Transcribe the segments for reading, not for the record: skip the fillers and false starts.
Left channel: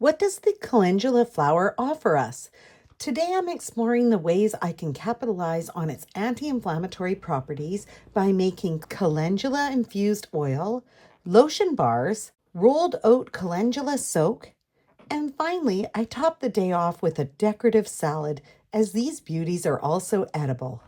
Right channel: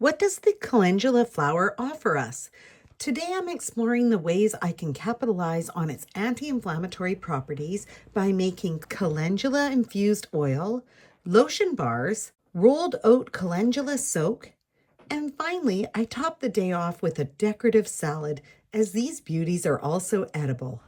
What does the calendula flower offer us? Today I'm exploring the ways I can capitalize on its anti-inflammatory properties by making calendula-infused oil, lotion bars, rolled oat calendula soak, and finally I top the day off with a decorative salad, as these beauties are also edible.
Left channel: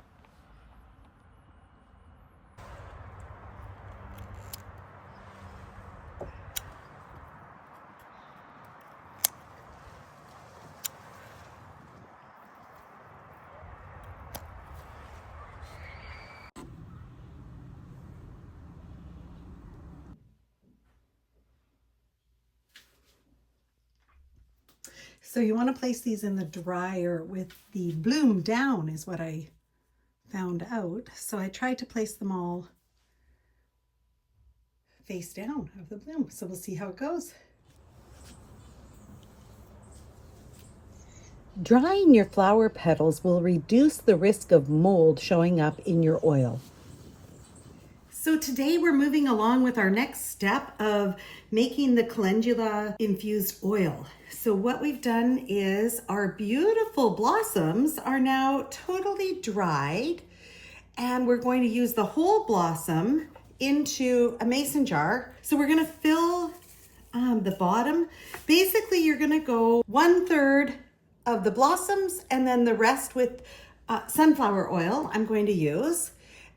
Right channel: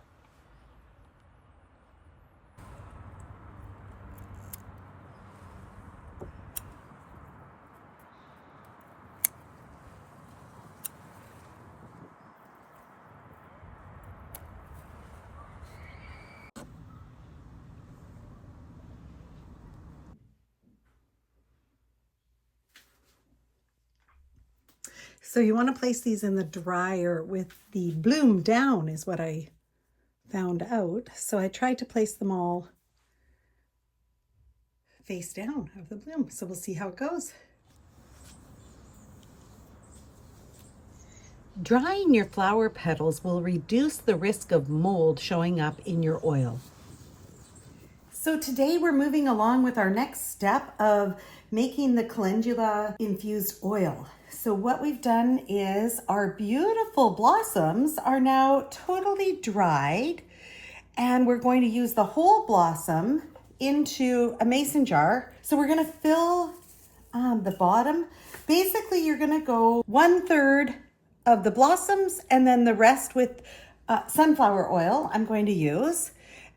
So you want to place these in the dryer with the bloom down is what I found out. So I tried to place them all face down of the bloom. So we'll see how it goes. Drying your flower petals will reduce the risk of mold showing up in your oil. So today we're moving along with our next step of making the calendula infused oil. So what we've done is our beautiful blossoms are now totally dried, and we're going to use the whole blossom into a mason jar. So we're going to fill the bottom. Basically, you're going to go 1/3 of the blossoms and then the rest with sunflower oil I'm going to use.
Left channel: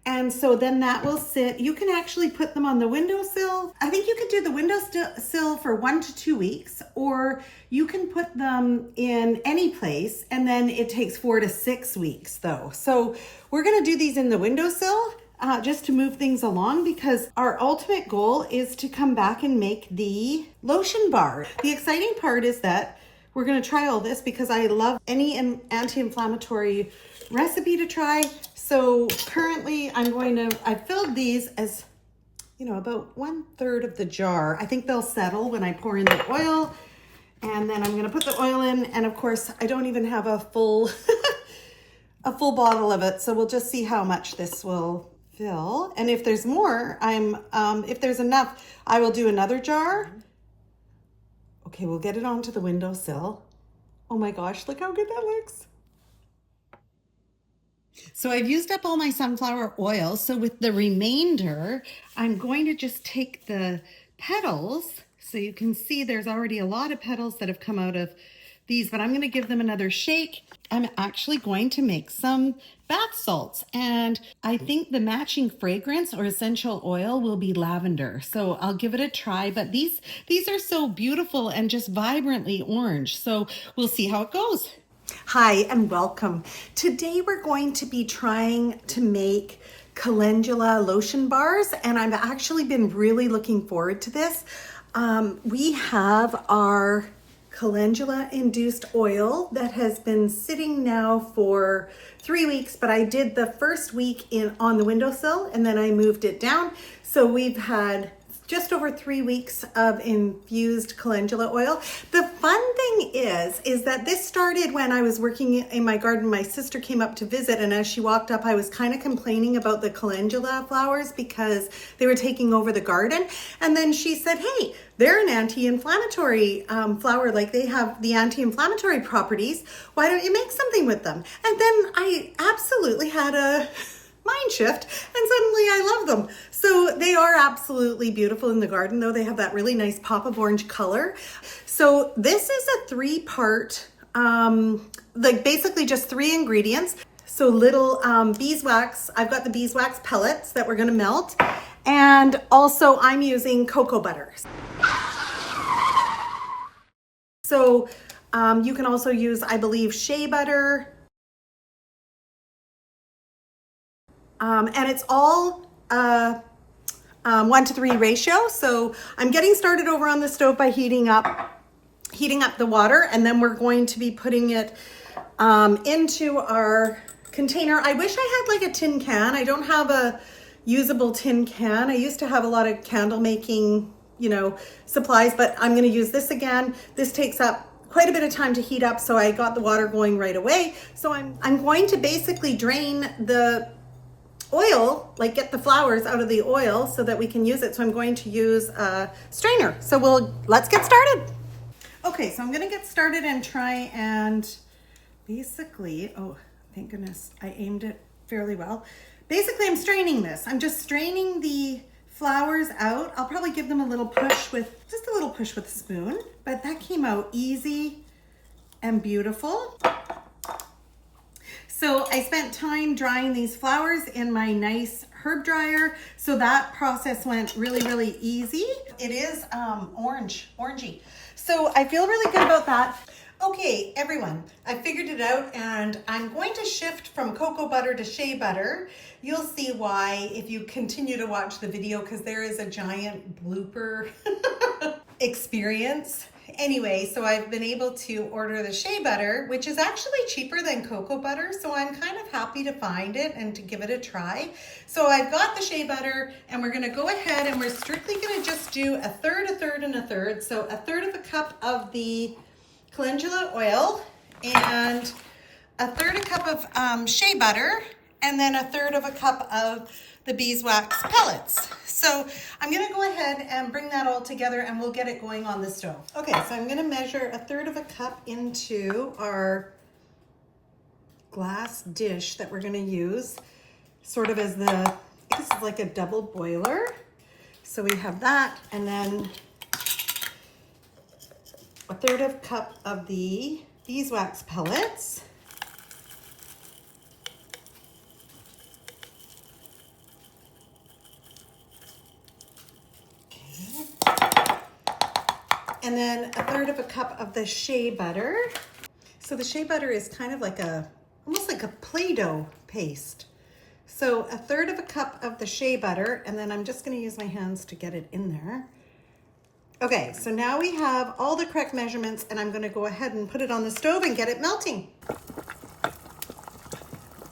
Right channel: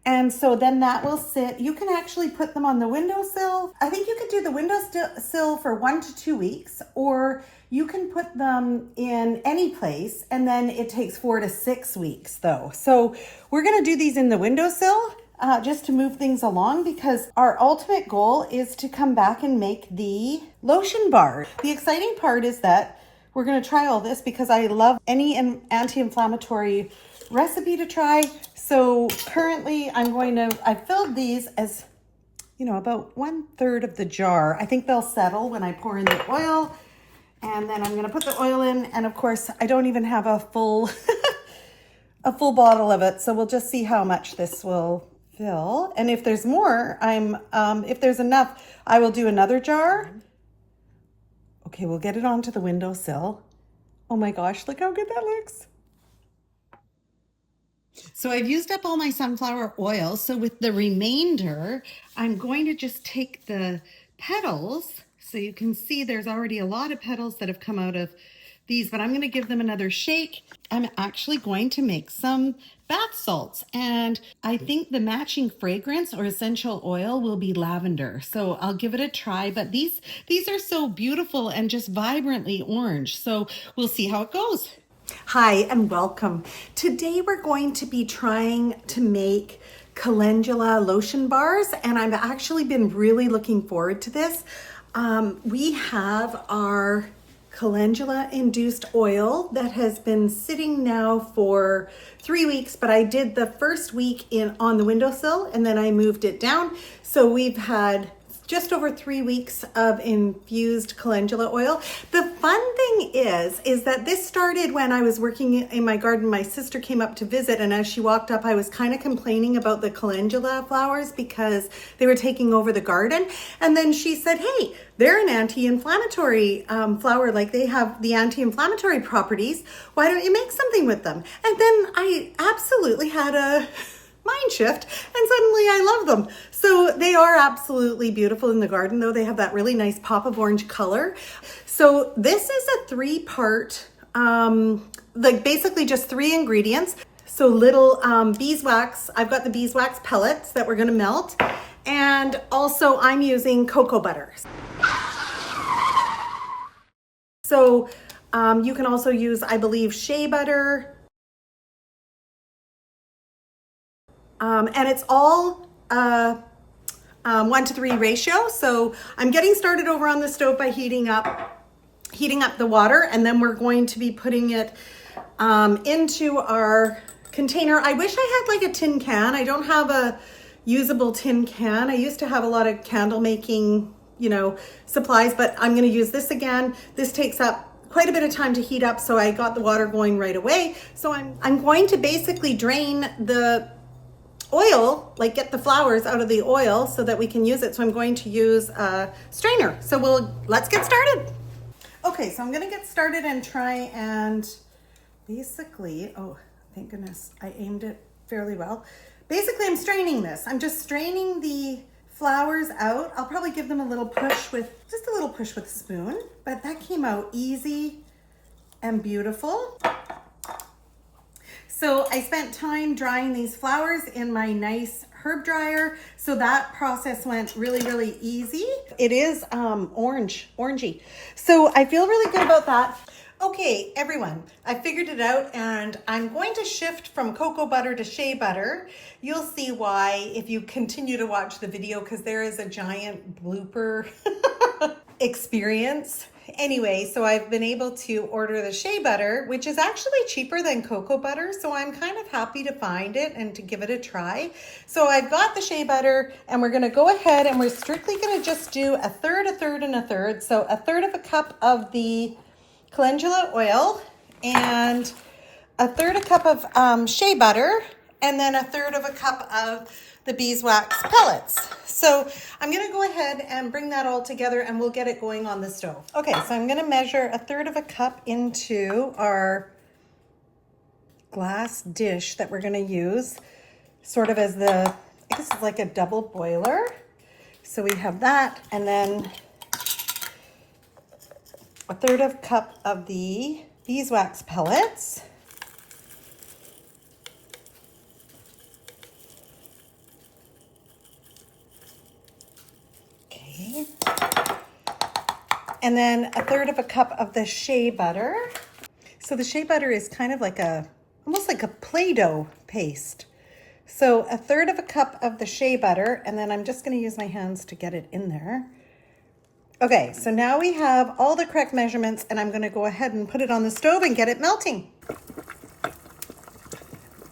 And so then that will sit. You can actually put them on the windowsill. I think you could do the windowsill for 1 to 2 weeks, or you can put them in any place, and then it takes 4 to 6 weeks though. So we're gonna do these in the windowsill just to move things along, because our ultimate goal is to come back and make the lotion bar. The exciting part is that we're gonna try all this because I love any anti-inflammatory recipe to try. So currently I filled these as, about 1/3 of the jar. I think they'll settle when I pour in the oil, and then I'm gonna put the oil in. And of course, I don't even have a full, a full bottle of it. So we'll just see how much this will fill. And if there's more, if there's enough, I will do another jar. Okay, we'll get it onto the windowsill. Oh my gosh, look how good that looks. So I've used up all my sunflower oil. So with the remainder, I'm going to just take the petals. So you can see there's already a lot of petals that have come out of these, but I'm going to give them another shake. I'm actually going to make some bath salts, and I think the matching fragrance or essential oil will be lavender. So I'll give it a try, but these are so beautiful and just vibrantly orange. So we'll see how it goes. Hi and welcome. Today we're going to be trying to make calendula lotion bars, and I've actually been really looking forward to this. We have our calendula induced oil that has been sitting now for 3 weeks, but I did the first week on the windowsill and then I moved it down. So we've had just over 3 weeks of infused calendula oil. The fun thing is that this started when I was working in my garden. My sister came up to visit, and as she walked up, I was kind of complaining about the calendula flowers because they were taking over the garden. And then she said, hey, they're an anti-inflammatory flower, like they have the anti-inflammatory properties. Why don't you make something with them? And then I absolutely had a mind shift, and suddenly I love them. So they are absolutely beautiful in the garden, though. They have that really nice pop of orange color. So this is a 3-part, like basically just 3 ingredients. So little beeswax. I've got the beeswax pellets that we're gonna melt. And also I'm using cocoa butter. So you can also use, I believe, shea butter. And it's all 1 to 3 ratio. So I'm getting started over on the stove by heating up the water, and then we're going to be putting it into our container. I wish I had like a tin can. I don't have a usable tin can. I used to have a lot of candle making, supplies, but I'm going to use this again. This takes up quite a bit of time to heat up, so I got the water going right away. So I'm going to basically drain the oil, like get the flowers out of the oil so that we can use it. So I'm going to use a strainer. So let's get started. Okay, so I'm gonna get started and try and basically, oh, thank goodness, I aimed it fairly well. Basically, I'm straining this. I'm just straining the flowers out. I'll probably give them a little push with, just a little push with a spoon, but that came out easy and beautiful. So I spent time drying these flowers in my nice herb dryer. So that process went really, really easy. It is orangey. So I feel really good about that. Okay, everyone, I figured it out and I'm going to shift from cocoa butter to shea butter. You'll see why if you continue to watch the video, because there is a giant blooper experience. Anyway, so I've been able to order the shea butter, which is actually cheaper than cocoa butter. So I'm kind of happy to find it and to give it a try. So I've got the shea butter and we're gonna go ahead and we're strictly gonna just do a third, a third, and a third. So a third of a cup of the calendula oil and a third a cup of shea butter, and then a third of a cup of the beeswax pellets. So I'm gonna go ahead and bring that all together and we'll get it going on the stove. Okay, so I'm gonna measure a third of a cup into our glass dish that we're gonna use sort of as the, this is like a double boiler. So we have that, and then a third of a cup of the beeswax pellets. Okay. And then a third of a cup of the shea butter. So the shea butter is kind of like almost like a Play-Doh paste. So a third of a cup of the shea butter, and then I'm just gonna use my hands to get it in there. Okay, so now we have all the correct measurements and I'm gonna go ahead and put it on the stove and get it melting.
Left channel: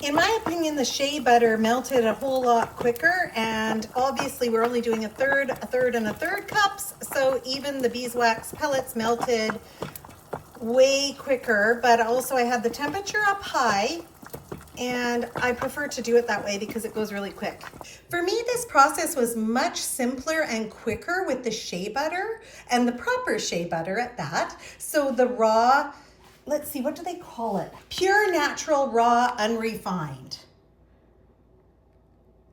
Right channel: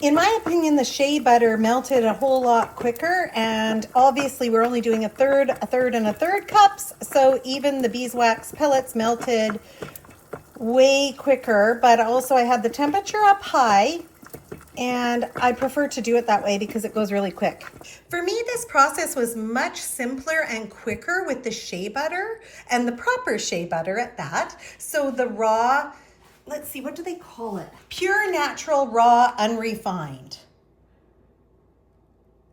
In my opinion, the shea butter melted a whole lot quicker, and obviously we're only doing a third, and a third cups, so even the beeswax pellets melted way quicker, but also I had the temperature up high, and I prefer to do it that way because it goes really quick. For me, this process was much simpler and quicker with the shea butter, and the proper shea butter at that. So the raw, let's see, what do they call it? Pure, natural, raw, unrefined.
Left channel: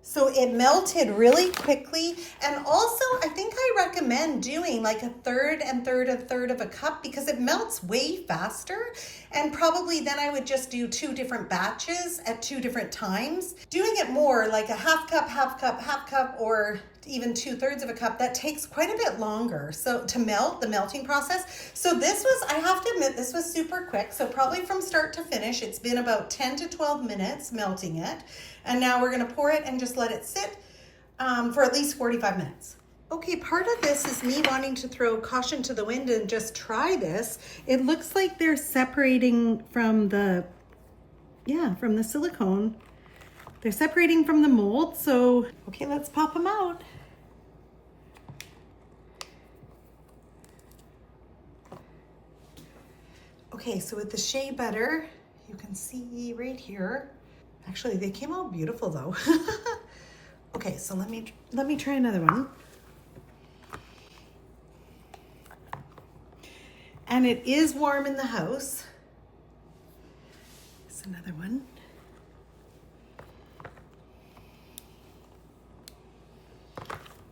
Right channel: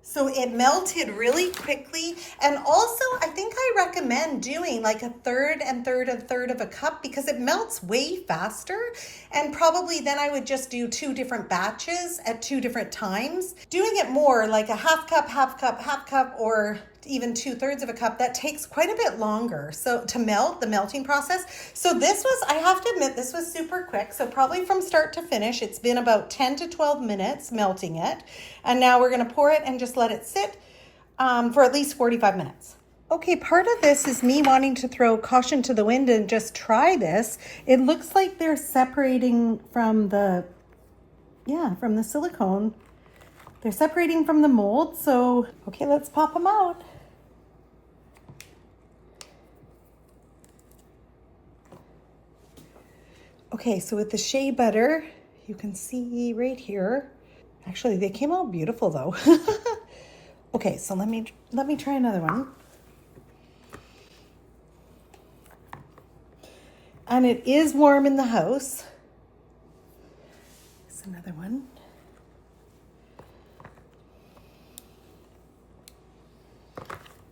So it melted really quickly. And also, I think I recommend doing like a third and third and third of a cup because it melts way faster. And probably then I would just do 2 different batches at 2 different times. Doing it more like a half cup, or even 2/3 of a cup, that takes quite a bit longer. So to melt, the melting process. So this was, I have to admit, this was super quick. So probably from start to finish, it's been about 10 to 12 minutes melting it. And now we're gonna pour it and just let it sit for at least 45 minutes. Okay, part of this is me wanting to throw caution to the wind and just try this. It looks like they're separating from the, from the silicone. They're separating from the mold. So, okay, let's pop them out. Okay, so with the shea butter, you can see right here, actually they came out beautiful though. Okay, so let me try another one. And it is warm in the house. It's another one.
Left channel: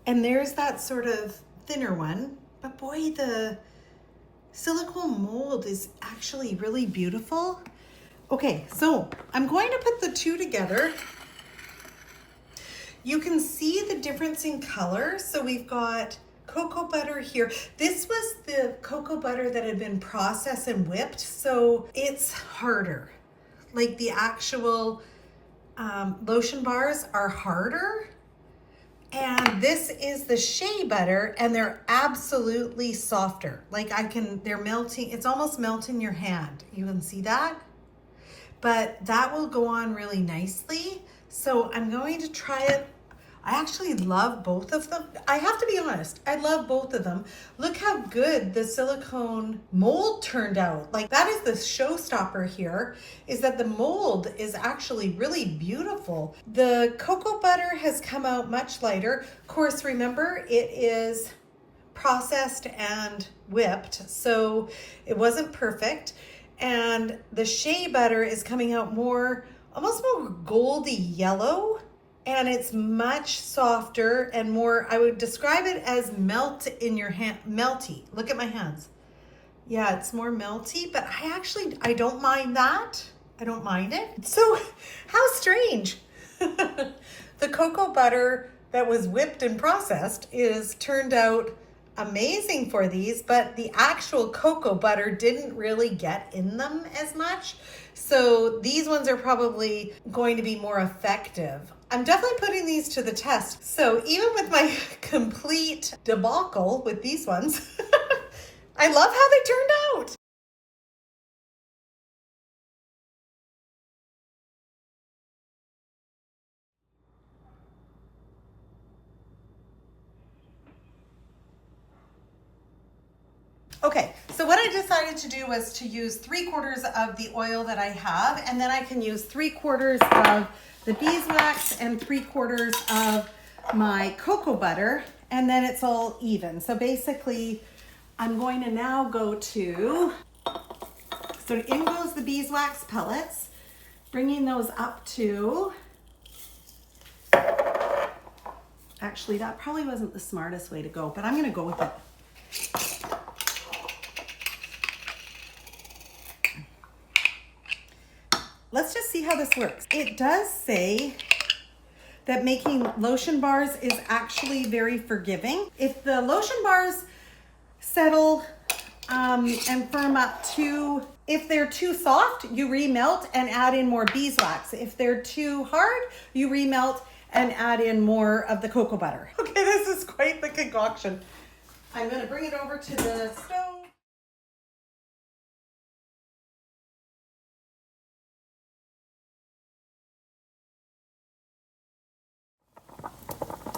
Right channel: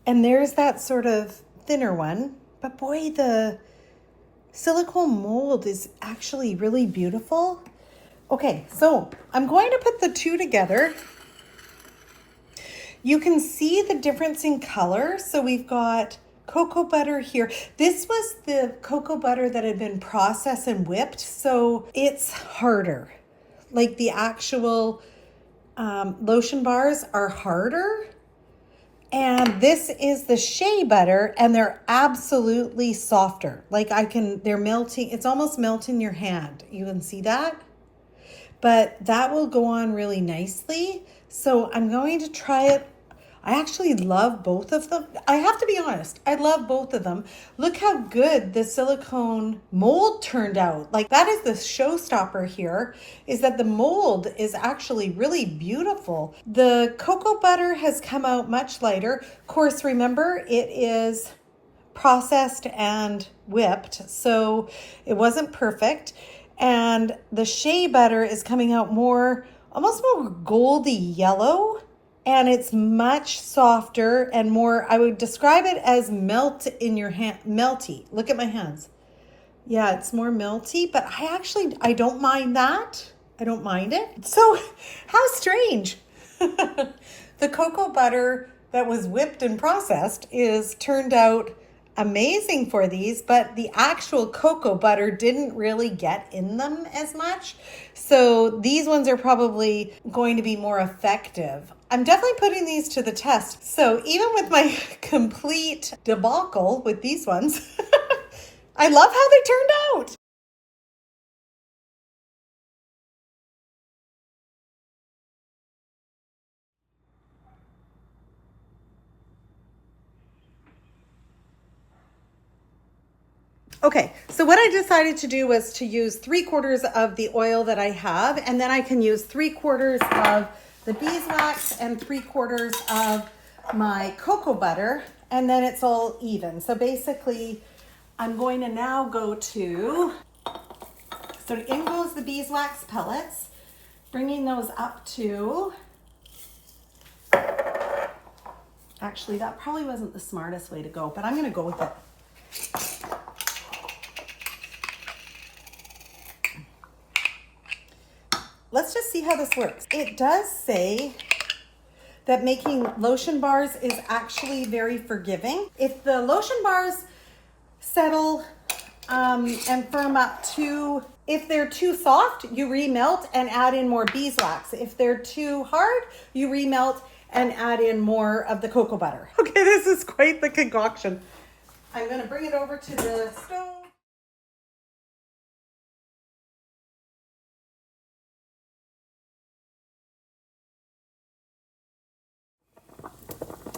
And there's that sort of thinner one, but boy, the silicone mold is actually really beautiful. Okay, so I'm going to put the 2 together. You can see the difference in color. So we've got cocoa butter here. This was the cocoa butter that had been processed and whipped, so it's harder. Like the actual lotion bars are harder. And this is the shea butter, and they're absolutely softer. Like they're melting, it's almost melting your hand. You can see that? But that will go on really nicely. So I'm going to try it. I actually love both of them. I have to be honest, I love both of them. Look how good the silicone mold turned out. Like that is the showstopper here, is that the mold is actually really beautiful. The cocoa butter has come out much lighter. Of course, remember, it is processed and whipped, so it wasn't perfect. And the shea butter is coming out more, almost more goldy yellow, and it's much softer and more, I would describe it as melt in your hand, melty. Look at my hands. Yeah, it's more melty, but I don't mind that. I don't mind it. So how strange. The cocoa butter that was whipped and processed is turned out amazing for these, but the actual cocoa butter didn't really get in them as much. So these ones are probably going to be more effective. I'm definitely putting these to the test. So even with my complete debacle with these ones, I love how they turned out. Okay, so what I decided to do was to use 3/4 of the oil that I have, and then I can use 3/4 of the beeswax and 3/4 of my cocoa butter, and then it's all even. So basically, I'm going to now go to, so in goes the beeswax pellets, bringing those up to, actually that probably wasn't the smartest way to go, but I'm going to go with it. Let's just see how this works. It does say that making lotion bars is actually very forgiving. If the lotion bars settle and firm up if they're too soft, you remelt and add in more beeswax. If they're too hard, you remelt and add in more of the cocoa butter. Okay, this is quite the concoction. I'm gonna bring it over to the stove.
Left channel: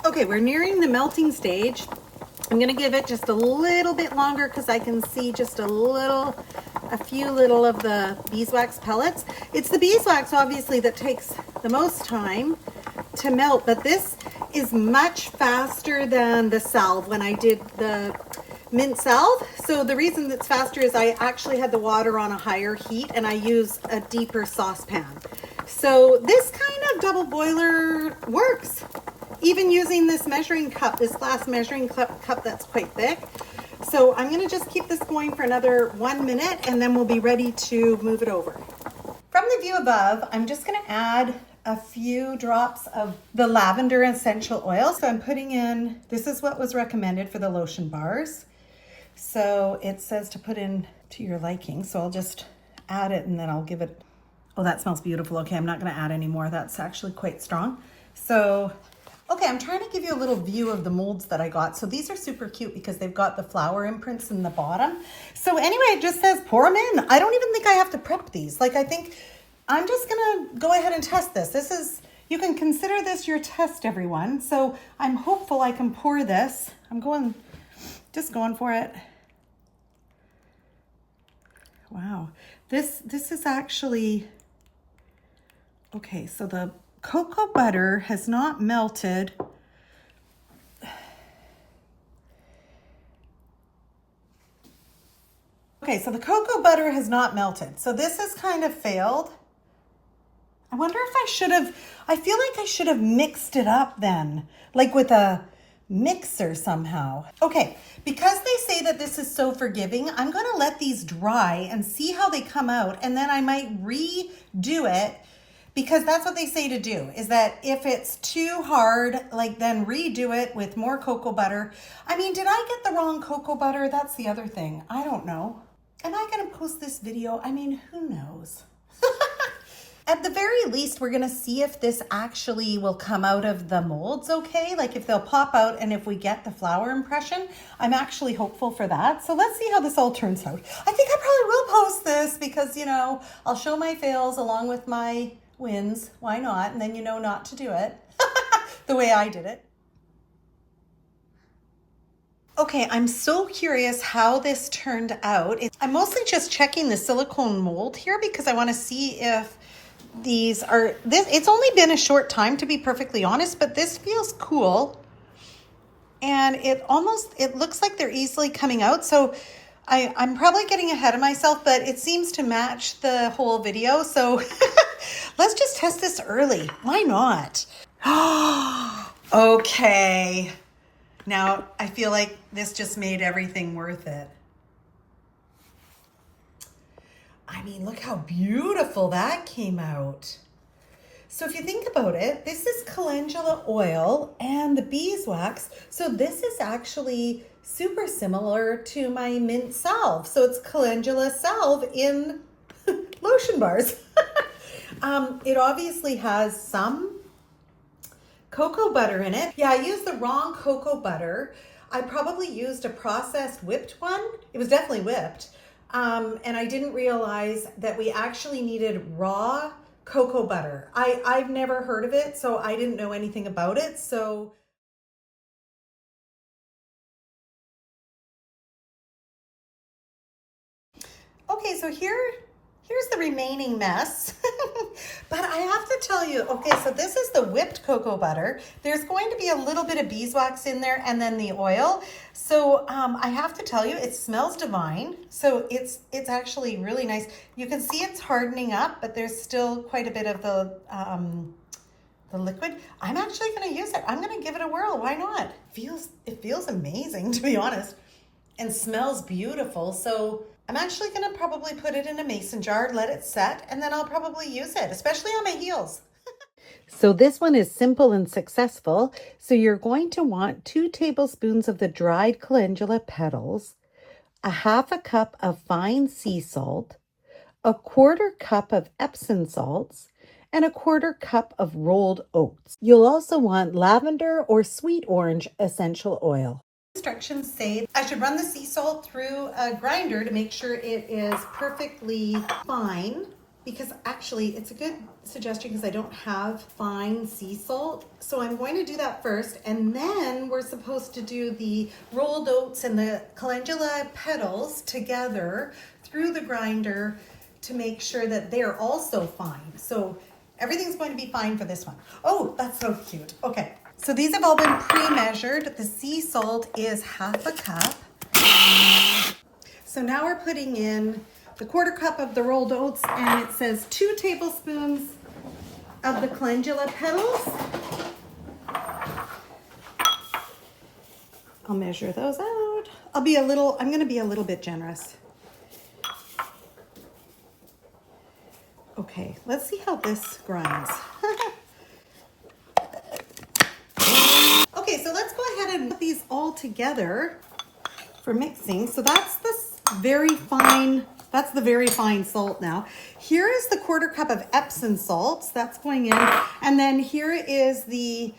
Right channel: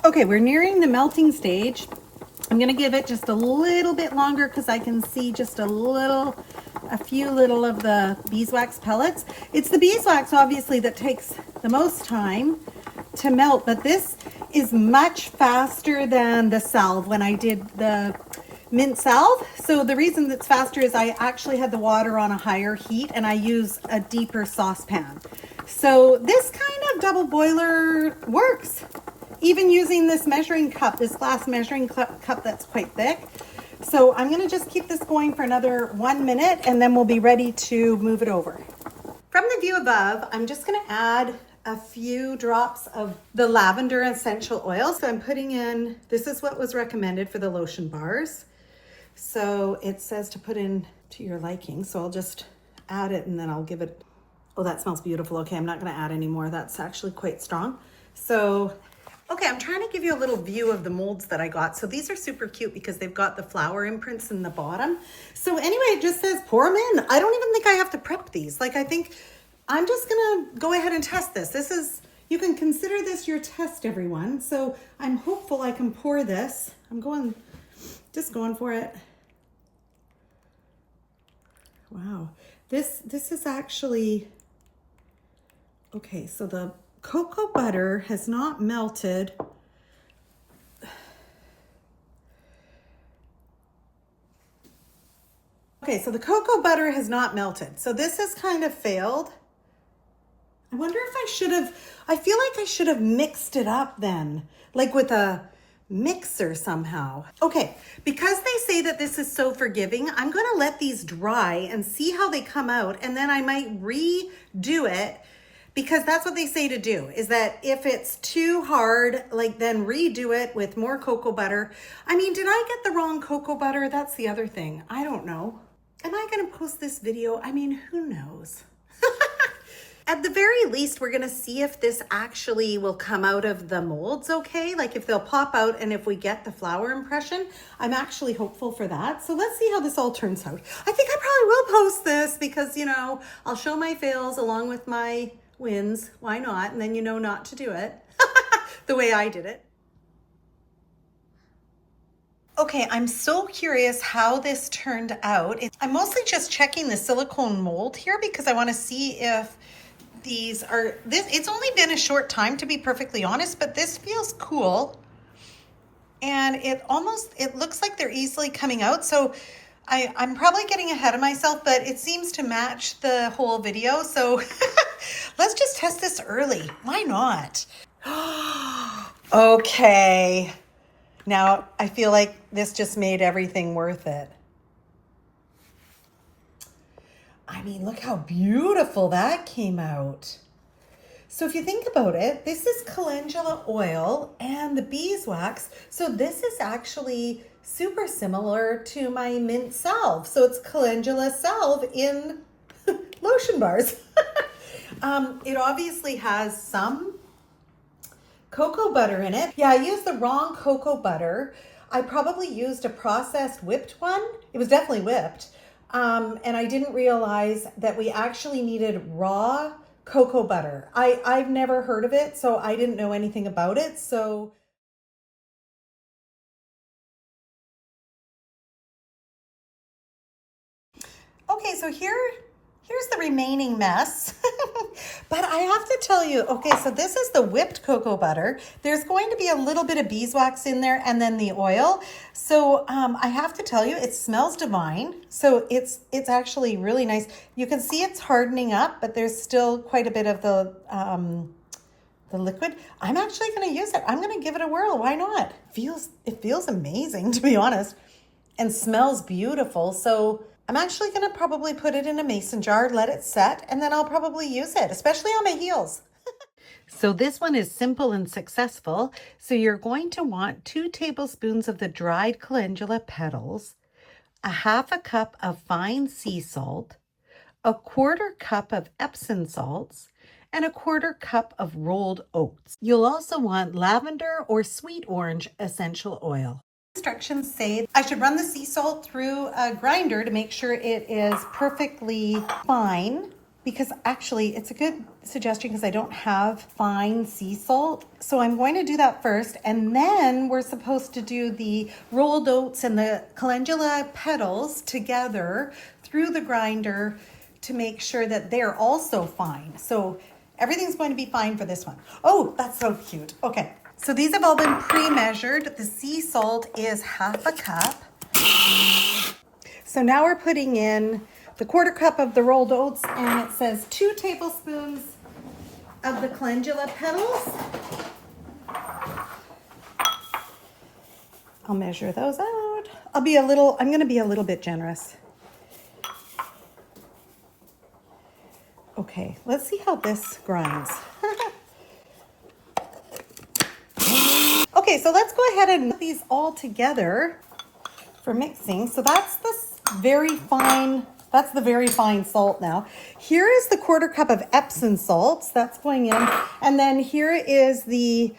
Okay, we're nearing the melting stage. I'm gonna give it just a little bit longer because I can see just a few little of the beeswax pellets. It's the beeswax, obviously, that takes the most time to melt, but this is much faster than the salve when I did the mint salve. So the reason it's faster is I actually had the water on a higher heat and I used a deeper saucepan. So this kind of double boiler works. Even using this measuring cup, this glass measuring cup that's quite thick. So I'm gonna just keep this going for another 1 minute and then we'll be ready to move it over. From the view above, I'm just gonna add a few drops of the lavender essential oil. So I'm putting in, this is what was recommended for the lotion bars. So it says to put in to your liking. So I'll just add it and then I'll give it, oh, that smells beautiful. Okay, I'm not gonna add any more. That's actually quite strong. So, okay, I'm trying to give you a little view of the molds that I got. So these are super cute because they've got the flower imprints in the bottom. So anyway, it just says pour them in. I don't even think I have to prep these. Like, I think I'm just gonna go ahead and test this. This is, you can consider this your test, everyone. So I'm hopeful I can pour this. I'm just going for it. Wow, this is actually, okay, so the cocoa butter has not melted. Okay, so the cocoa butter has not melted. So this has kind of failed. I wonder if I feel like I should have mixed it up then, like with a mixer somehow. Okay, because they say that this is so forgiving, I'm gonna let these dry and see how they come out, and then I might redo it, because that's what they say to do, is that if it's too hard, like, then redo it with more cocoa butter. I mean, did I get the wrong cocoa butter? That's the other thing. I don't know. Am I gonna post this video? I mean, who knows? At the very least, we're gonna see if this actually will come out of the molds okay, like if they'll pop out and if we get the flower impression. I'm actually hopeful for that. So let's see how this all turns out. I think I probably will post this because, you know, I'll show my fails along with my wins. Why not? And then you know not to do it the way I did it. Okay, I'm so curious how this turned out. I'm mostly just checking the silicone mold here because I want to see if these are, it's only been a short time, to be perfectly honest, but this feels cool. and it looks like they're easily coming out. So I'm probably getting ahead of myself, but it seems to match the whole video. So let's just test this early. Why not? Okay. Now I feel like this just made everything worth it. I mean, look how beautiful that came out. So if you think about it, this is calendula oil and the beeswax. So this is actually super similar to my mint salve. So it's calendula salve in lotion bars. It obviously has some cocoa butter in it. Yeah, I used the wrong cocoa butter. I probably used a processed whipped one. It was definitely whipped. And I didn't realize that we actually needed raw cocoa butter. I've never heard of it, so I didn't know anything about it. So okay, so here's the remaining mess. But I have to tell you, okay, so this is the whipped cocoa butter. There's going to be a little bit of beeswax in there and then the oil. So I have to tell you, it smells divine. So it's actually really nice. You can see it's hardening up, but there's still quite a bit of the liquid. I'm actually going to use it. I'm going to give it a whirl. Why not? It feels amazing, to be honest, and smells beautiful. So I'm actually going to probably put it in a mason jar, let it set, and then I'll probably use it, especially on my heels. So this one is simple and successful. So you're going to want 2 tablespoons of the dried calendula petals, a half a cup of fine sea salt, a 1/4 cup of Epsom salts, and a 1/4 cup of rolled oats. You'll also want lavender or sweet orange essential oil. Instructions say I should run the sea salt through a grinder to make sure it is perfectly fine, because actually it's a good suggestion because I don't have fine sea salt. So I'm going to do that first, and then we're supposed to do the rolled oats and the calendula petals together through the grinder to make sure that they're also fine. So everything's going to be fine for this one. Oh, that's so cute. Okay. So these have all been pre-measured. The sea salt is half a cup. So now we're putting in the 1/4 cup of the rolled oats, and it says 2 tablespoons of the calendula petals. I'll measure those out. I'm going to be a little bit generous. Okay, let's see how this grinds. Okay, so let's go ahead and put these all together for mixing. So that's the very fine salt now. Here is the 1/4 cup of Epsom salts. That's going in. And then here is the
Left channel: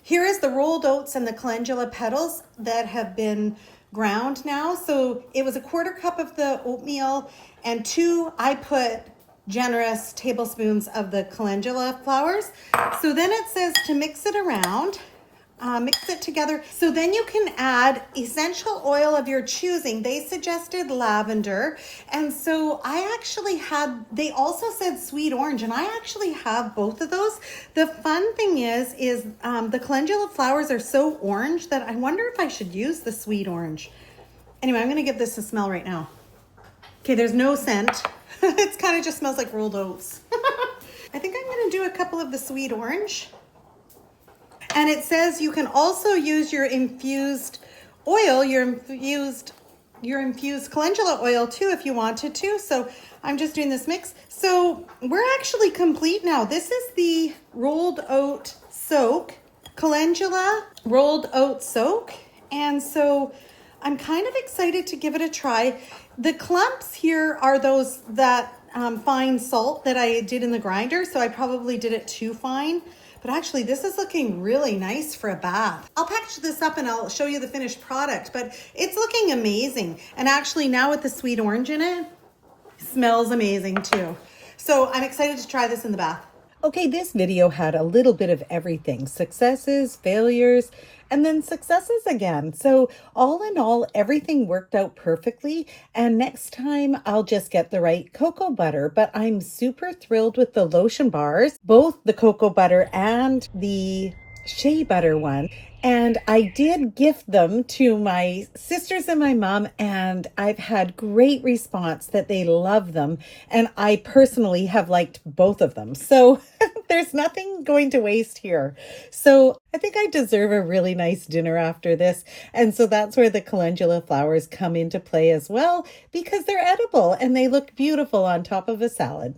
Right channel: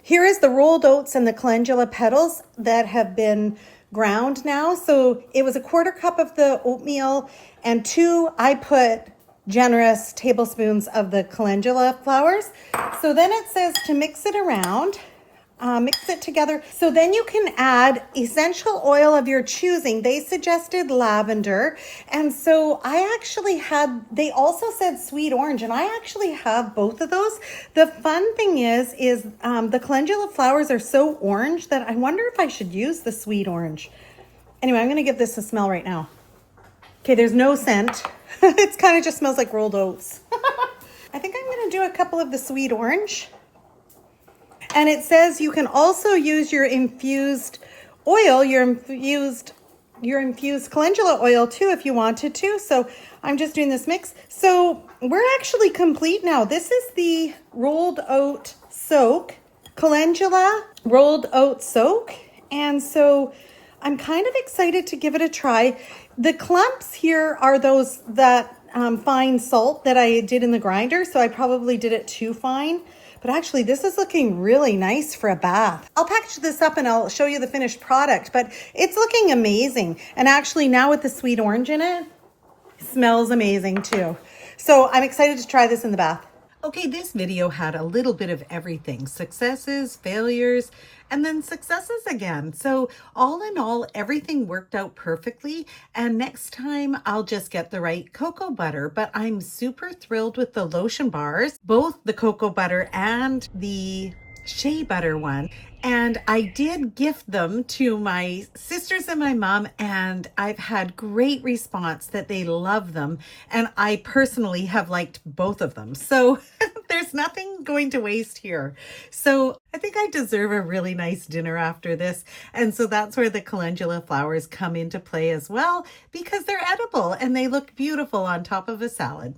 rolled oats and the calendula petals that have been ground now. So it was a 1/4 cup of the oatmeal and 2, I put generous tablespoons of the calendula flowers. So then it says to mix it around. Mix it together. So then you can add essential oil of your choosing. They suggested lavender. And so they also said sweet orange, and I actually have both of those. The fun thing is the calendula flowers are so orange that I wonder if I should use the sweet orange. Anyway, I'm going to give this a smell right now. Okay, there's no scent. It kind of just smells like rolled oats. I think I'm going to do a couple of the sweet orange. And it says you can also use your infused oil, your infused calendula oil too if you wanted to. So I'm just doing this mix. So we're actually complete now. This is the rolled oat soak, calendula rolled oat soak. And so I'm kind of excited to give it a try. The clumps here are those fine salt that I did in the grinder. So I probably did it too fine. But actually, this is looking really nice for a bath. I'll package this up and I'll show you the finished product, but it's looking amazing. And actually, now with the sweet orange in it, it smells amazing too. So I'm excited to try this in the bath. Okay, this video had a little bit of everything. Successes, failures, and then successes again. So all in all, everything worked out perfectly. And next time I'll just get the right cocoa butter. But I'm super thrilled with the lotion bars, both the cocoa butter and the shea butter one. And I did gift them to my sisters and my mom, and I've had great response that they love them. And I personally have liked both of them. So there's nothing going to waste here. So I think I deserve a really nice dinner after this. And so that's where the calendula flowers come into play as well, because they're edible and they look beautiful on top of a salad.